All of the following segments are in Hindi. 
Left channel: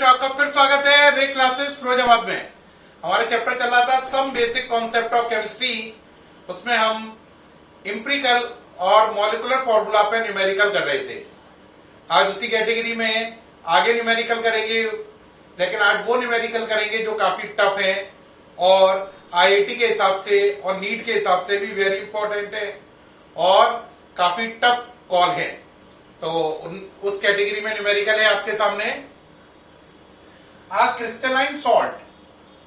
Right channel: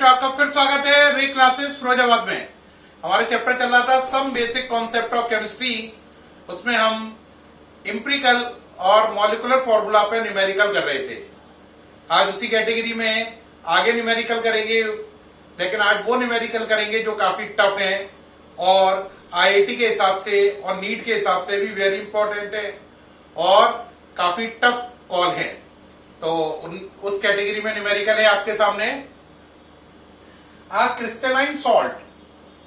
बच्चों, आपका फिर स्वागत है रे क्लासेस फिरोजाबाद में। हमारे चैप्टर चल रहा था some basic concept of chemistry. उसमें हम एम्पिरिकल और मॉलिक्यूलर फॉर्मूला पे न्यूमेरिकल कर रहे थे। आज उसी कैटेगरी में आगे न्यूमेरिकल करेंगे, लेकिन आज वो न्यूमेरिकल करेंगे जो काफी टफ है और आईआईटी के हिसाब से और नीट के हिसाब से भी वेरी इंपॉर्टेंट है और काफी टफ कॉल है। तो उस कैटेगरी में न्यूमेरिकल है आपके सामने। A crystalline salt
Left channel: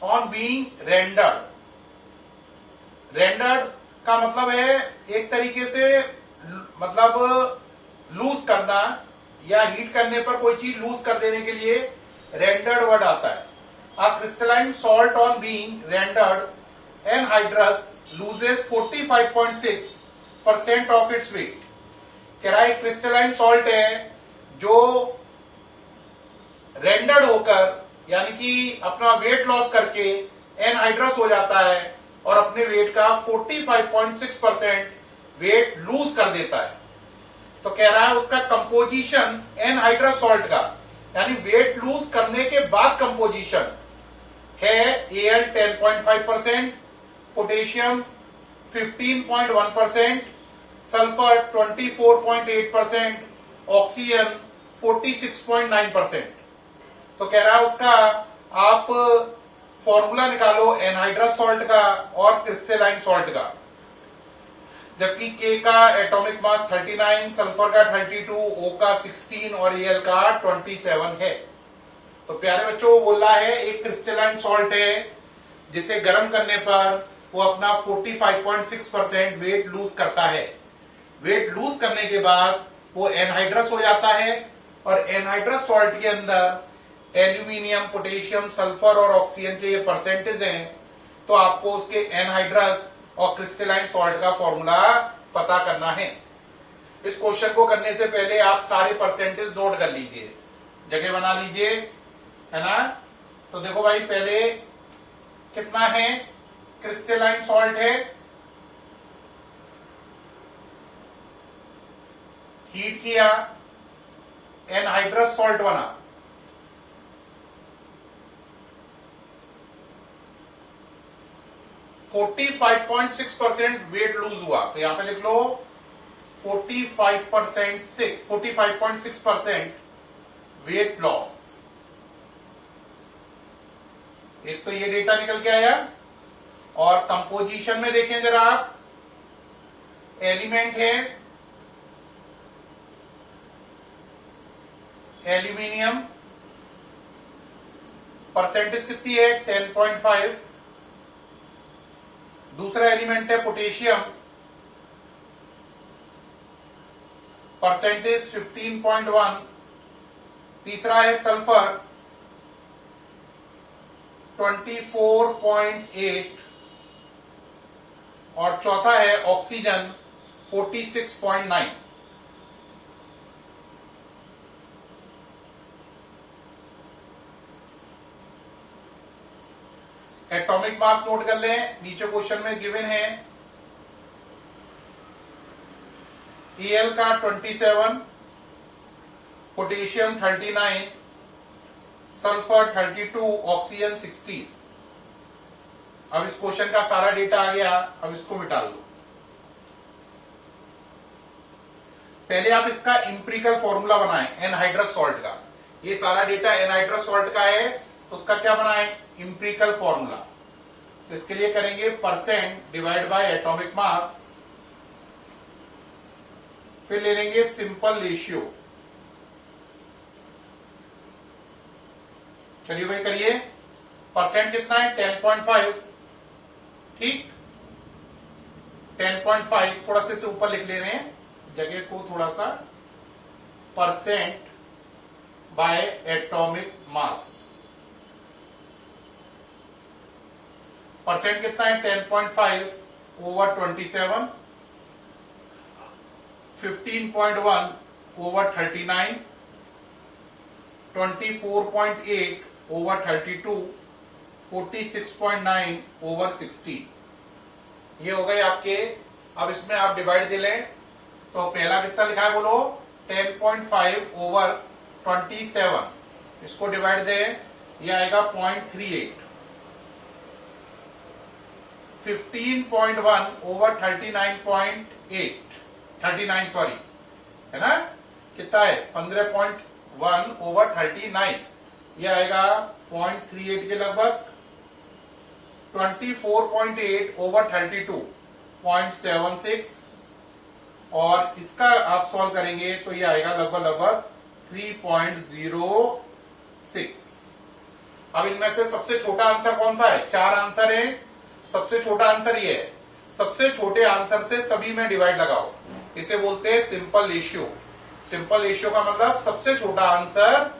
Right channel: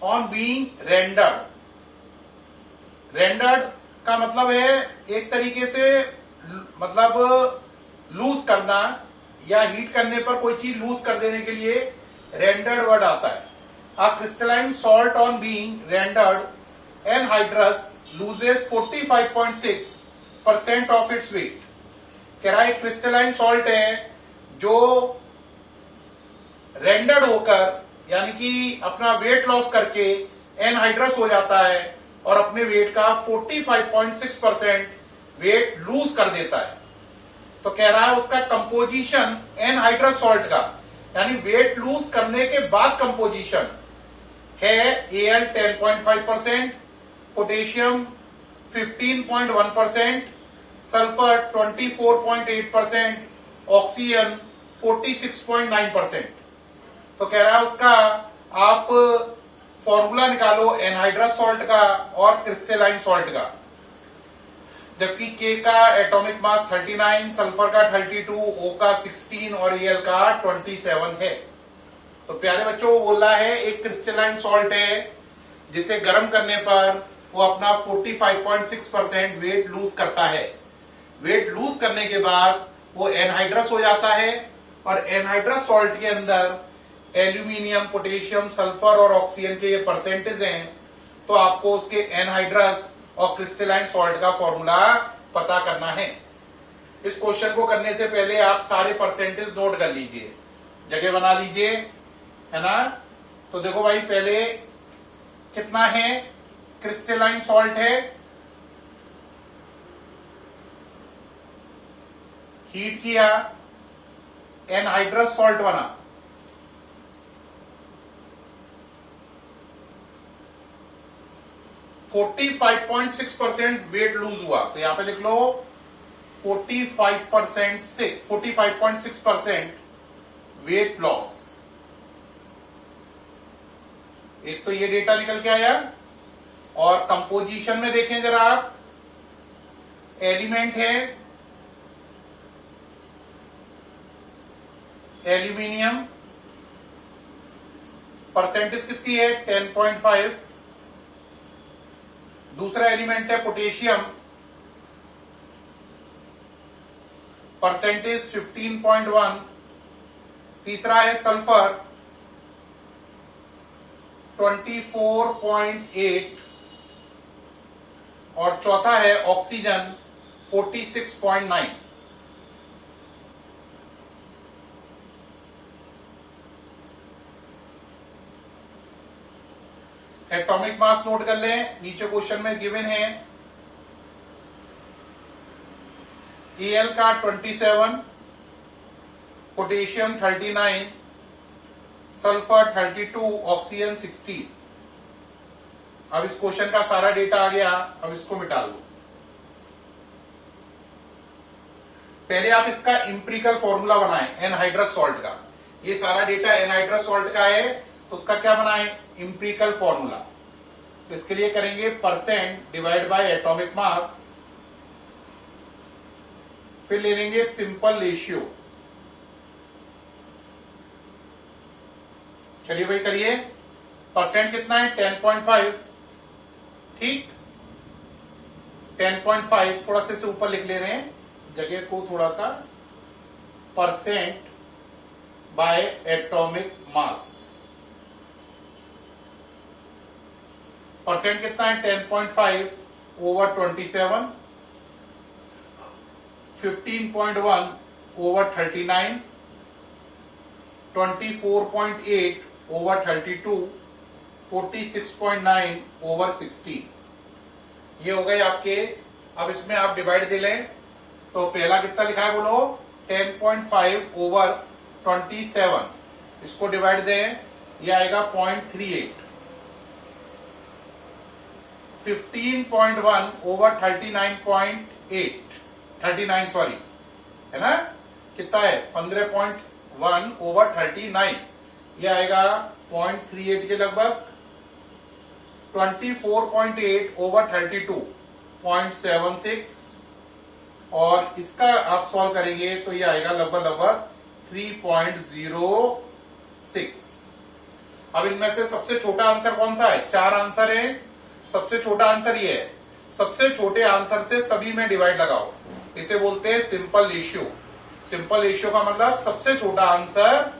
on being rendered का मतलब है एक तरीके से मतलब लूज करना या हीट करने पर कोई चीज लूज कर देने के लिए रेंडर्ड वर्ड आता है। A crystalline salt on being rendered anhydrous loses 45.6% of its weight। कह रहा है क्रिस्टलाइन सॉल्ट है जो रेंडर्ड होकर यानी कि अपना वेट लॉस करके एनहाइड्रस हो जाता है और अपने वेट का 45.6% वेट लूज कर देता है। तो कह रहा है उसका कंपोजिशन एनहाइड्रस सॉल्ट का यानी वेट लूज करने के बाद कंपोजिशन है Al 10.5%, पोटेशियम 15.1%, सल्फर 24.8%, ऑक्सीजन 46.9%। तो कह रहा है उसका आप फॉर्मूला निकालो एनहाइड्रस सॉल्ट का और क्रिस्टलाइन सॉल्ट का। जबकि के का एटॉमिक मास 39, सल्फर का 32, ओ का 16 और एल का 27 है। तो प्यारे बच्चों, वो बोल रहा है एक क्रिस्टलाइन सॉल्ट है जिसे गर्म करने पर वो अपना 45.6% वेट लूज करता है। वेट लूज करने के बाद वो एनहाइड्रस हो जाता है और एनहाइड्रस सॉल्ट के अंदर एल्यूमिनियम, पोटेशियम, सल्फर और ऑक्सीजन के ये परसेंटेज हैं। तो आपको उसके एनहाइड्रस और क्रिस्टलाइन सॉल्ट का फॉर्मूला पता करना है। इस क्वेश्चन को करने से पहले आप सारे परसेंटेज नोट कर लीजिए, जगह बना लीजिए, है ना। तो देखो भाई, पहले कितना है क्रिस्टलाइन सॉल्ट है, हीट किया, एनहाइड्रस सॉल्ट बना। ,45.6% वेट लूज हुआ। तो यहां पे लिख लो 45.6% वेट लॉस। एक तो ये डेटा निकल के आया और कंपोजिशन में देखें जरा आप, एलिमेंट है एल्यूमिनियम, परसेंटेज कितनी है 10.5। दूसरा एलिमेंट है पोटेशियम, परसेंटेज 15.1। तीसरा है सल्फर 24.8 और चौथा है ऑक्सीजन 46.9। एटॉमिक मास नोट कर लें, नीचे क्वेश्चन में गिवन है Al का 27, पोटेशियम 39, सल्फर 32, ऑक्सीजन 16। अब इस क्वेश्चन का सारा डेटा आ गया, अब इसको मिटा दो। पहले आप इसका एम्पिरिकल फॉर्मूला बनाएं एनहाइड्रस सॉल्ट का। ये सारा डेटा एनहाइड्रस सॉल्ट का है, उसका क्या बनाएं एम्पिरिकल फॉर्मूला। तो इसके लिए करेंगे percent divide by atomic mass, फिर ले लेंगे सिंपल रेशियो। चलिए भाई करिए, परसेंट कितना है 10.5, ठीक 10.5, थोड़ा सा इसे ऊपर लिख ले रहे हैं जगह को थोड़ा सा, percent by atomic mass. Percent कितना है 10.5 ओवर 27, 15.1 ओवर 39, 24.8 ओवर 32, 46.9 ओवर 16। ये हो गए आपके। अब इसमें आप डिवाइड दे लें तो पहला कितना लिखा है बोलो 10.5 ओवर 27, इसको डिवाइड दें, ये आएगा 0.38, 15.1 ओवर 39.8, 39 सॉरी, है ना, कितना है 15.1 ओवर 39, ये आएगा 0.38 के लगभग, 24.8 ओवर 32.76, और इसका आप सॉल्व करेंगे तो ये आएगा लगभग 3.06। अब इनमें से सबसे छोटा आंसर कौन सा है? 4 आंसर है, सबसे छोटा आंसर ये है। सबसे छोटे आंसर से सभी में डिवाइड लगाओ, इसे बोलते हैं सिंपल रेशियो। सिंपल रेशियो का मतलब सबसे छोटा आंसर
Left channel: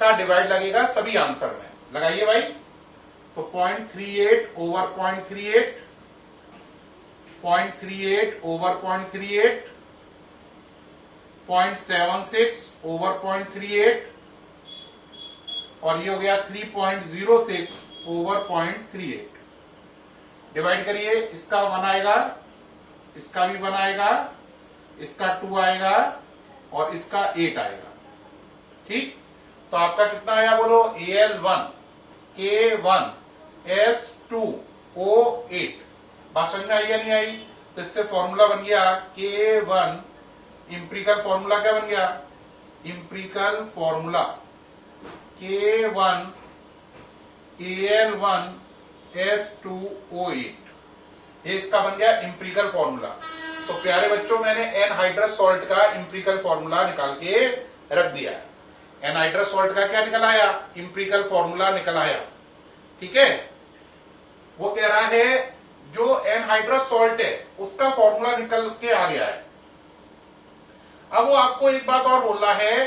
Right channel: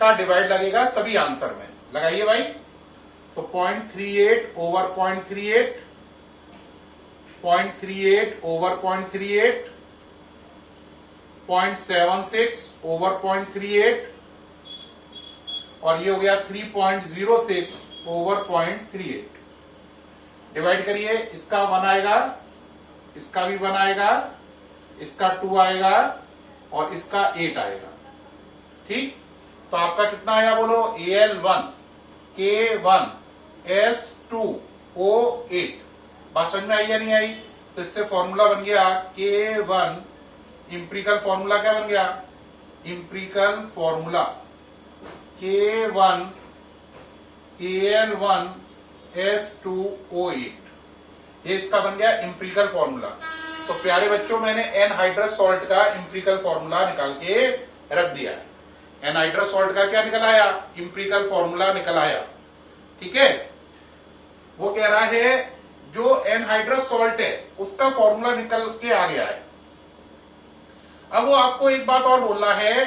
का डिवाइड लगेगा सभी आंसर में। लगाइए भाई, तो 0.38 ओवर 0.38, 0.38 ओवर 0.38, 0.76 ओवर 0.38, और ये हो गया 3.06 ओवर 0.38। डिवाइड करिए, इसका 1 आएगा, इसका भी 1 आएगा, इसका 2 आएगा, और इसका 8 आएगा। ठीक, तो आपका कितना आया बोलो? AL1 K1 S2O8। बात समझ में आई या नहीं आई? तो इससे फॉर्मूला बन गया K1, इंप्रिकल फॉर्मूला क्या बन गया? इंप्रिकल फॉर्मूला K1 AL1 S2O8, ये इसका बन गया इंप्रिकल फॉर्मूला। तो प्यारे बच्चों, मैंने एनहाइड्रस सॉल्ट का इंप्रिकल फॉर्मूला निकाल के रख दिया है। एनहाइड्रस सॉल्ट का क्या निकल आया? इंप्रिकल फॉर्मूला निकल आया। ठीक है, वो कह रहा है जो एनहाइड्रस सॉल्ट है उसका फॉर्मूला निकल के आ गया है। अब वो आपको एक बात और बोलना है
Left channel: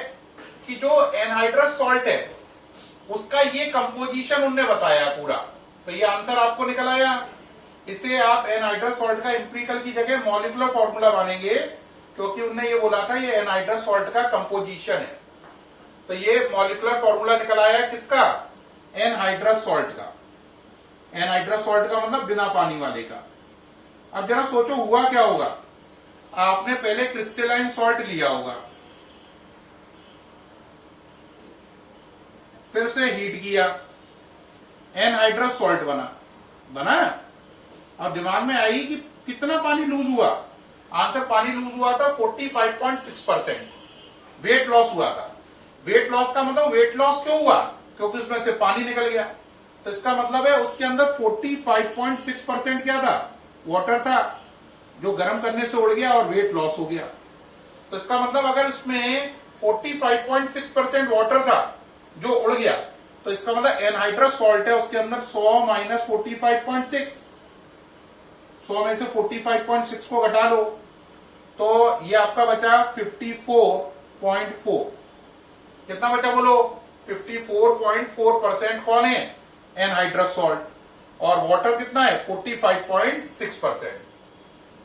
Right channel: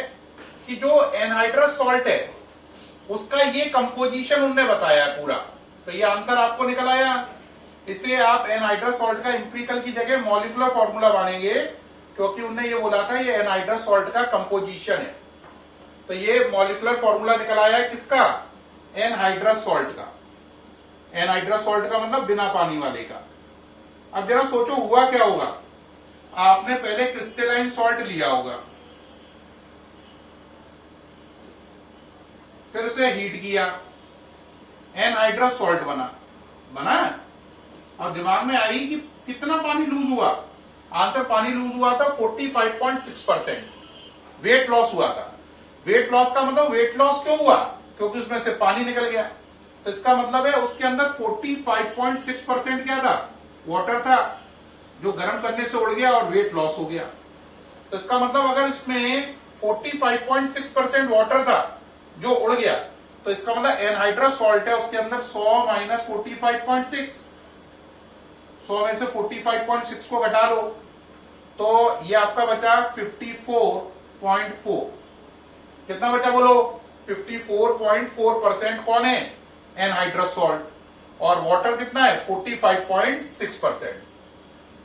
कि जो एनहाइड्रस सॉल्ट है उसका ये कंपोजिशन उनने बताया है पूरा, तो ये आंसर आपको निकल आया। इसे आप एनहाइड्रस सॉल्ट का इंप्रिकल की जगह मॉलिक्यूलर फॉर्मूला मानेंगे, क्योंकि उन्होंने ये बोला था ये एनहाइड्रस सॉल्ट का कंपोजिशन है। तो ये मॉलिक्यूलर फॉर्मूला निकल आया है किसका? एनहाइड्रस सॉल्ट का। एनहाइड्रस सॉल्ट का मतलब बिना पानी वाले का। अब जरा सोचो हुआ क्या होगा। आपने पहले क्रिस्टलाइन सॉल्ट लिया होगा, फिर उसे हीट किया, एनहाइड्रस सॉल्ट बना। अब दिमाग में आई कि कितना पानी लूज हुआ? आंसर पानी लूज हुआ था 45.6%। वेट लॉस हुआ था। वेट लॉस का मतलब वेट लॉस क्यों हुआ? क्योंकि उसमें से पानी निकल गया। तो इसका मतलब है उसके अंदर 45.6% क्या था? वाटर था, जो गर्म करने से उड़ गया और वेट लॉस हो गया। तो इसका मतलब अगर इसमें 45.6% वाटर था जो उड़ गया, तो इसका मतलब एनहाइड्रस सॉल्ट है, उसके अंदर 100 माइनस 45.6, 100 में से 45.6 को घटा लो तो ये आपका बचा 54.4। कितना बचा बोलो? 54.4% कौन है? Anhydrous salt. और वाटर कितना है? 45.6%।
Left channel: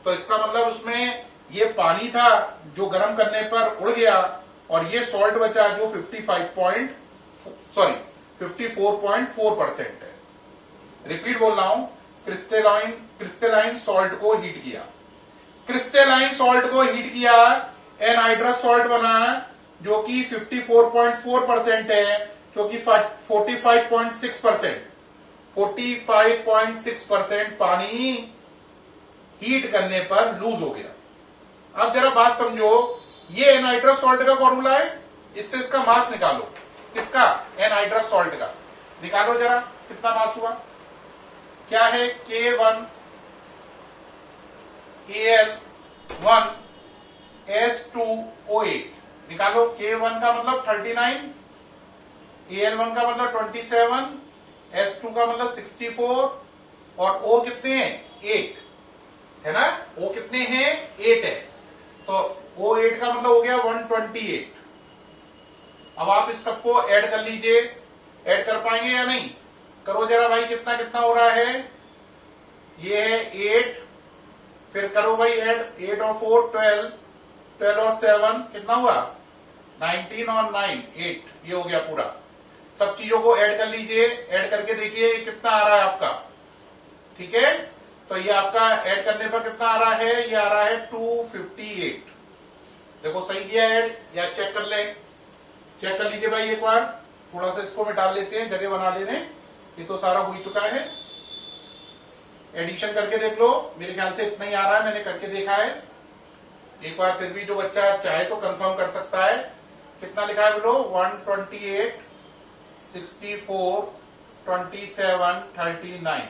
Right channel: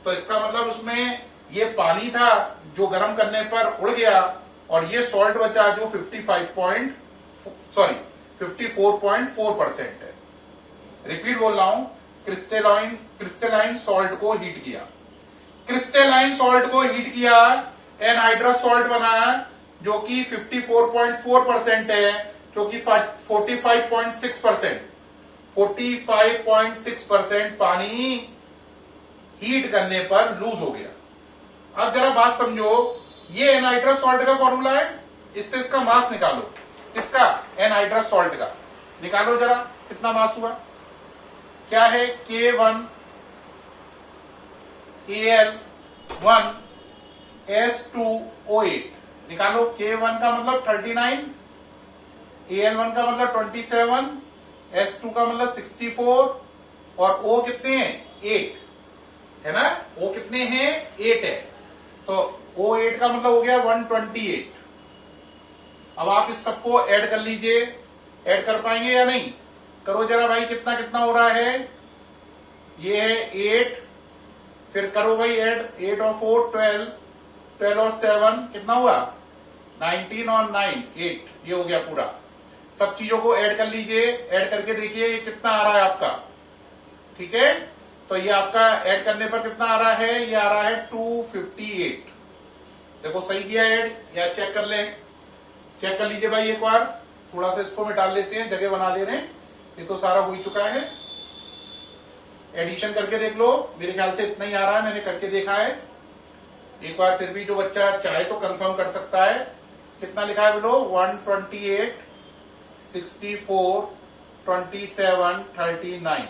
तो इसका मतलब उसमें ये पानी था जो गर्म करने पर उड़ गया, और ये सॉल्ट बचा जो 54.4% है। रिपीट बोल रहा हूं, क्रिस्टलाइन सॉल्ट को हीट किया, क्रिस्टलाइन सॉल्ट को हीट किया, एनहाइड्रस सॉल्ट बना जो कि 54.4% है, क्योंकि 45.6% पानी हीट करने पर लूज हो गया। अब जरा बात समझो, ये एनहाइड्रस सॉल्ट का फॉर्मूला है, इससे इसका मास निकालो। किसका? एनहाइड्रस सॉल्ट का। निकालो जरा, कितना मास हुआ? क्या है? K1 AL1 S2O8। निकालो। K1 का मतलब 39, AL1 का मतलब 27, S2 का मतलब 64, और O कितने हैं? 8 है ना। O कितने हैं? 8 है। तो O8 का मतलब हो गया 128। अब आप इस सबको ऐड कर लीजिए। ऐड कर पाएंगे या नहीं? करो जरा भाई, कितना कितना हो रहा है? ये है 8, फिर करो भाई ऐड, 8 और 4 12, 12 और 7 कितना हुआ? 19 और 9 8, ये हो गया पूरा। सब चीजों को ऐड कर लीजिए। ऐड करके देखिए कितना आ रहा है आपका। ठीक है, तो ये आपका ऐड करने पर कितना आ रहा है? ये आ रहा है 258। देखो सही किया ऐड, या चेक कर ले, चेक कर लीजिए भाई एक बार। थोड़ा सा इसको मिटा लेते हैं, जगह बना ले रहे हैं, ये तो सारा हो ही चुका है। एडिशन करके देख लो, मेरे ख्याल से इतना ही आ रहा है, मैंने करके देखा है। एक बार फिर भी जो बच्चा चाहे तो कंफर्म कर सकता है। कितना लिखा है बोलो? 128, 64, 27, 39।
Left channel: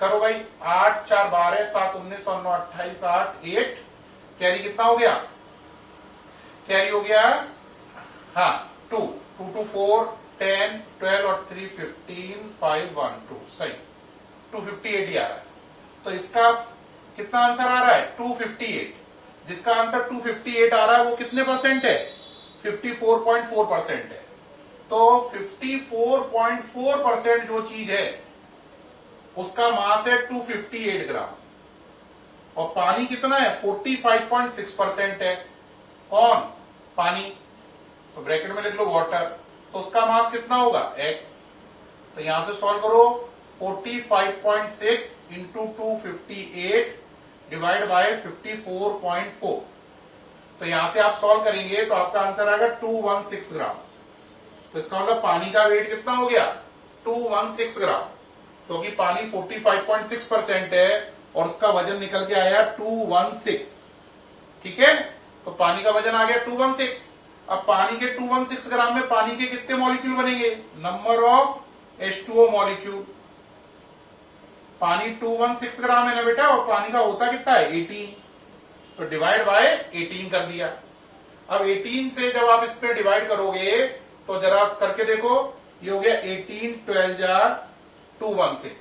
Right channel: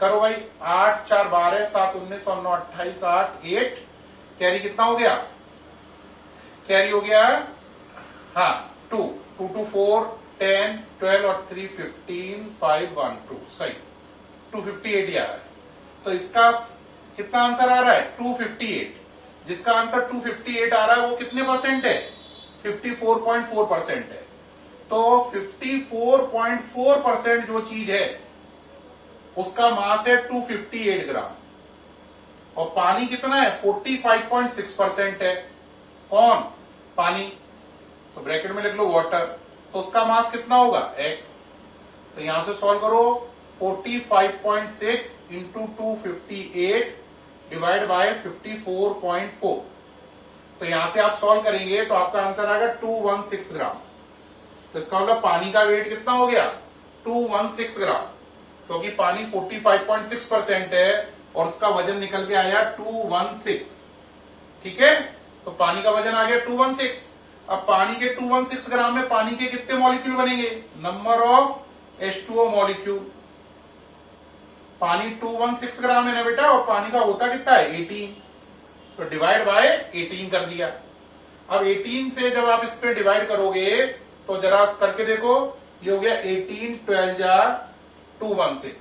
करो भाई, 8 4 12 7 19 9 28 8 8। कैरी कितना हो गया? कैरी हो गया हाँ 2 2 2 4 10 12 और 3 15 5 1 2। सही, 258 ही आ रहा है। तो इसका कितना आंसर आ रहा है? 258। जिसका आंसर 258 आ रहा है वो कितने परसेंट है? 54.4% है। तो 54.4% जो चीज है उसका मास है 258 ग्राम, और पानी कितना है? 45.6% है। कौन? पानी। तो ब्रैकेट में लिख लो वाटर। तो उसका मास कितना होगा? x। तो यहां से सॉल्व करो, 45.6 इंटू 258 डिवाइड बाय 54.4। तो यहां से आप सॉल्व करेंगे तो आपका आंसर आएगा 216 ग्राम। तो इसका मतलब पानी का वेट कितना हो गया? 216 ग्राम, क्योंकि पानी 45.6% है और उसका वजन निकल के आया 216। ठीक है, तो पानी का वजन आ गया 216। अब पानी के 216 ग्राम में पानी के कितने मॉलिक्यूल बनेंगे? Number of H2O molecule. पानी 216 ग्राम है ना बेटा, और पानी का होता कितना है? 18। तो डिवाइड बाय 18 कर दिया। अब 18 से जब आप इस पे डिवाइड करोगे तो जरा करके देखो, ये हो गया 18 12 जार 216।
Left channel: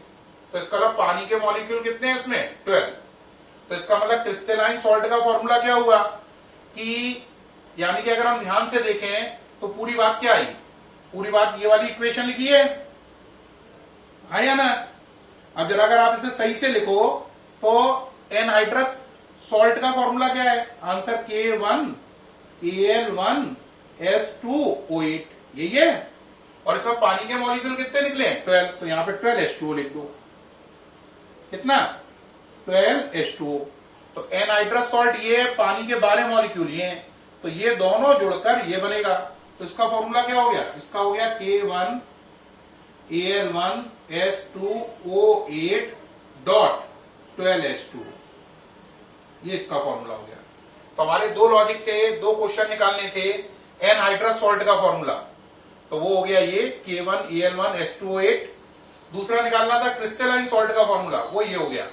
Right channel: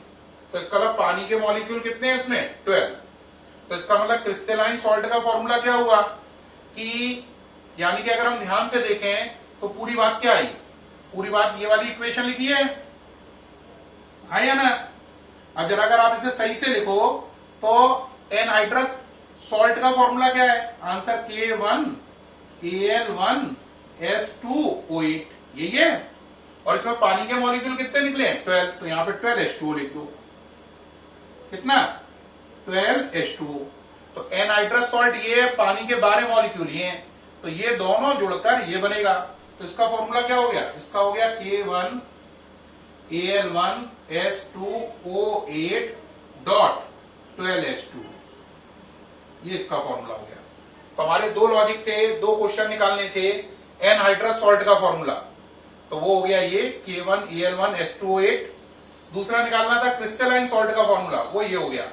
तो इसका मतलब पानी के मॉलिक्यूल कितने हैं इसमें? 12। तो इसका मतलब क्रिस्टलाइन सॉल्ट का फॉर्मूला क्या हुआ कि, यानी कि अगर हम ध्यान से देखें तो पूरी बात क्या आई? पूरी बात ये वाली इक्वेशन लिखी है या ना? अब जरा अगर आप इसे सही से लिखो तो एनहाइड्रस सॉल्ट का फॉर्मूला क्या है? आंसर K1Al1S2O8, यही है। और इसमें पानी के मॉलिक्यूल कितने निकले? 12। तो यहां पे 12H2O लिख दो। कितना? 12H2O। तो एनहाइड्रस सॉल्ट ये है, पानी के 12 मॉलिक्यूल ये हैं, तो ये दोनों जुड़कर ये बनेगा। तो इसका फॉर्मूला क्या हो गया? इसका हो गया K1Al1S2O8 डॉट 12H2O। ये इसका फॉर्मूला हो गया। तो हमारे दो लॉजिक थे, दो क्वेश्चन निकालने थे। एनहाइड्रस सॉल्ट का फॉर्मूला तो वो हो गया ये K1Al1S2O8। दूसरा निकालना था क्रिस्टलाइन सॉल्ट का फॉर्मूला, वो ये हो गया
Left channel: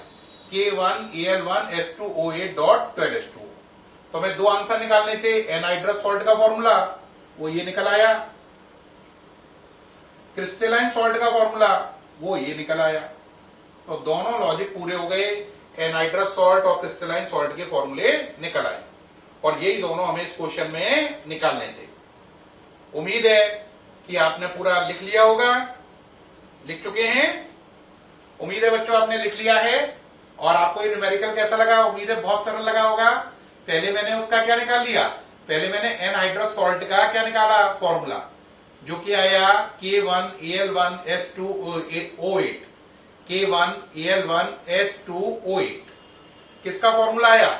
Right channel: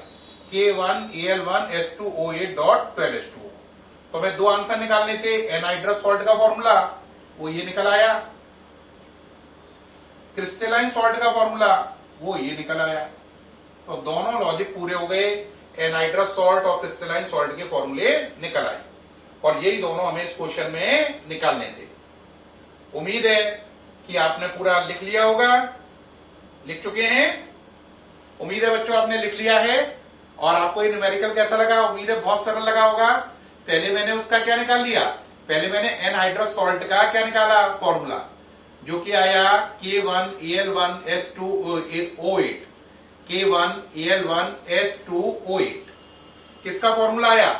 K1Al1S2O8 डॉट 12H2O। तो हमें दो आंसर निकालने थे। एनहाइड्रस सॉल्ट का फॉर्मूला वो ये निकल आया, क्रिस्टलाइन सॉल्ट का फॉर्मूला वो ये निकल आया। तो दोनों लॉजिक पूरे हो गए, एनहाइड्रस सॉल्ट और क्रिस्टलाइन सॉल्ट के फॉर्मूले निकल आए, और यही दोनों हमें इस क्वेश्चन में निकालने थे। उम्मीद है कि आपने पूरा लिख लिया होगा। लिख चुके हैं? उम्मीद है बच्चों आपने लिख लिया है। और आपको ये न्यूमेरिकल कैसा लगा? उम्मीद है बहुत सरल लगा होगा। पहले मैंने उसका क्या निकाल लिया? पहले मैंने एनहाइड्रस सॉल्ट का क्या निकाला? फॉर्मूला, जो कि आया K1Al1S2O8। K1Al1S2O8 किसका फॉर्मूला आया?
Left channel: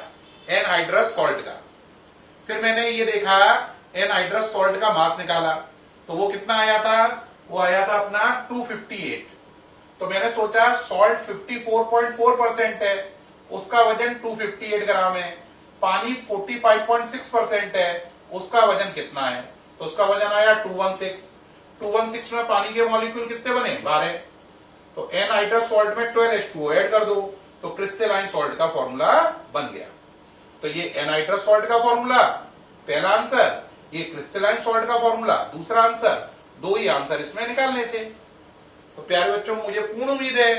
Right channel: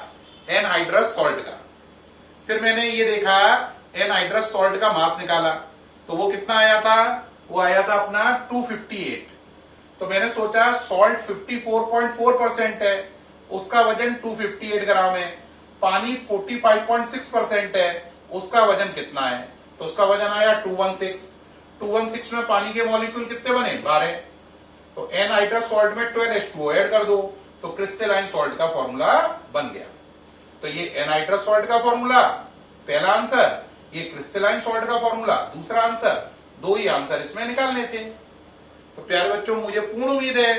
एनहाइड्रस सॉल्ट का। फिर मैंने ये देखा एनहाइड्रस सॉल्ट का मास निकाला, तो वो कितना आया था? वो आया था अपना 258। तो मैंने सोचा सॉल्ट 54.4% है, उसका वजन 258 ग्राम है। पानी 45.6% है, उसका वजन कितना है? तो उसका वजन आया 216। 216 में पानी के मॉलिक्यूल कितने बने? 12। तो एनहाइड्रस सॉल्ट में 12H2O ऐड कर दो, तो क्रिस्टलाइन सॉल्ट का फॉर्मूला बन गया। तो ये एनहाइड्रस सॉल्ट का फॉर्मूला पहला आंसर, ये क्रिस्टलाइन सॉल्ट का फॉर्मूला दूसरा आंसर। दो ही आंसर इसमें निकालने थे। तो प्यारे बच्चों, मुझे पूर्ण उम्मीद है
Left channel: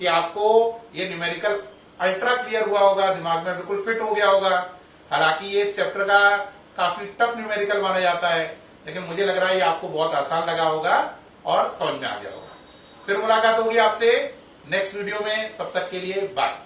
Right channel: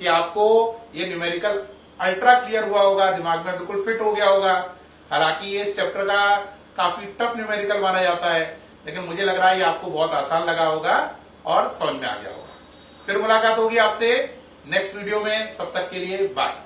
कि आपको ये न्यूमेरिकल अल्ट्रा क्लियर हुआ होगा, दिमाग में बिल्कुल फिट हो गया होगा। हालांकि ये इस चैप्टर का काफी टफ न्यूमेरिकल माना जाता है, लेकिन मुझे लग रहा है ये आपको बहुत आसान लगा होगा और समझ में आ गया होगा। फिर मुलाकात होगी आपसे नेक्स्ट वीडियो में, तब तक के लिए बाय।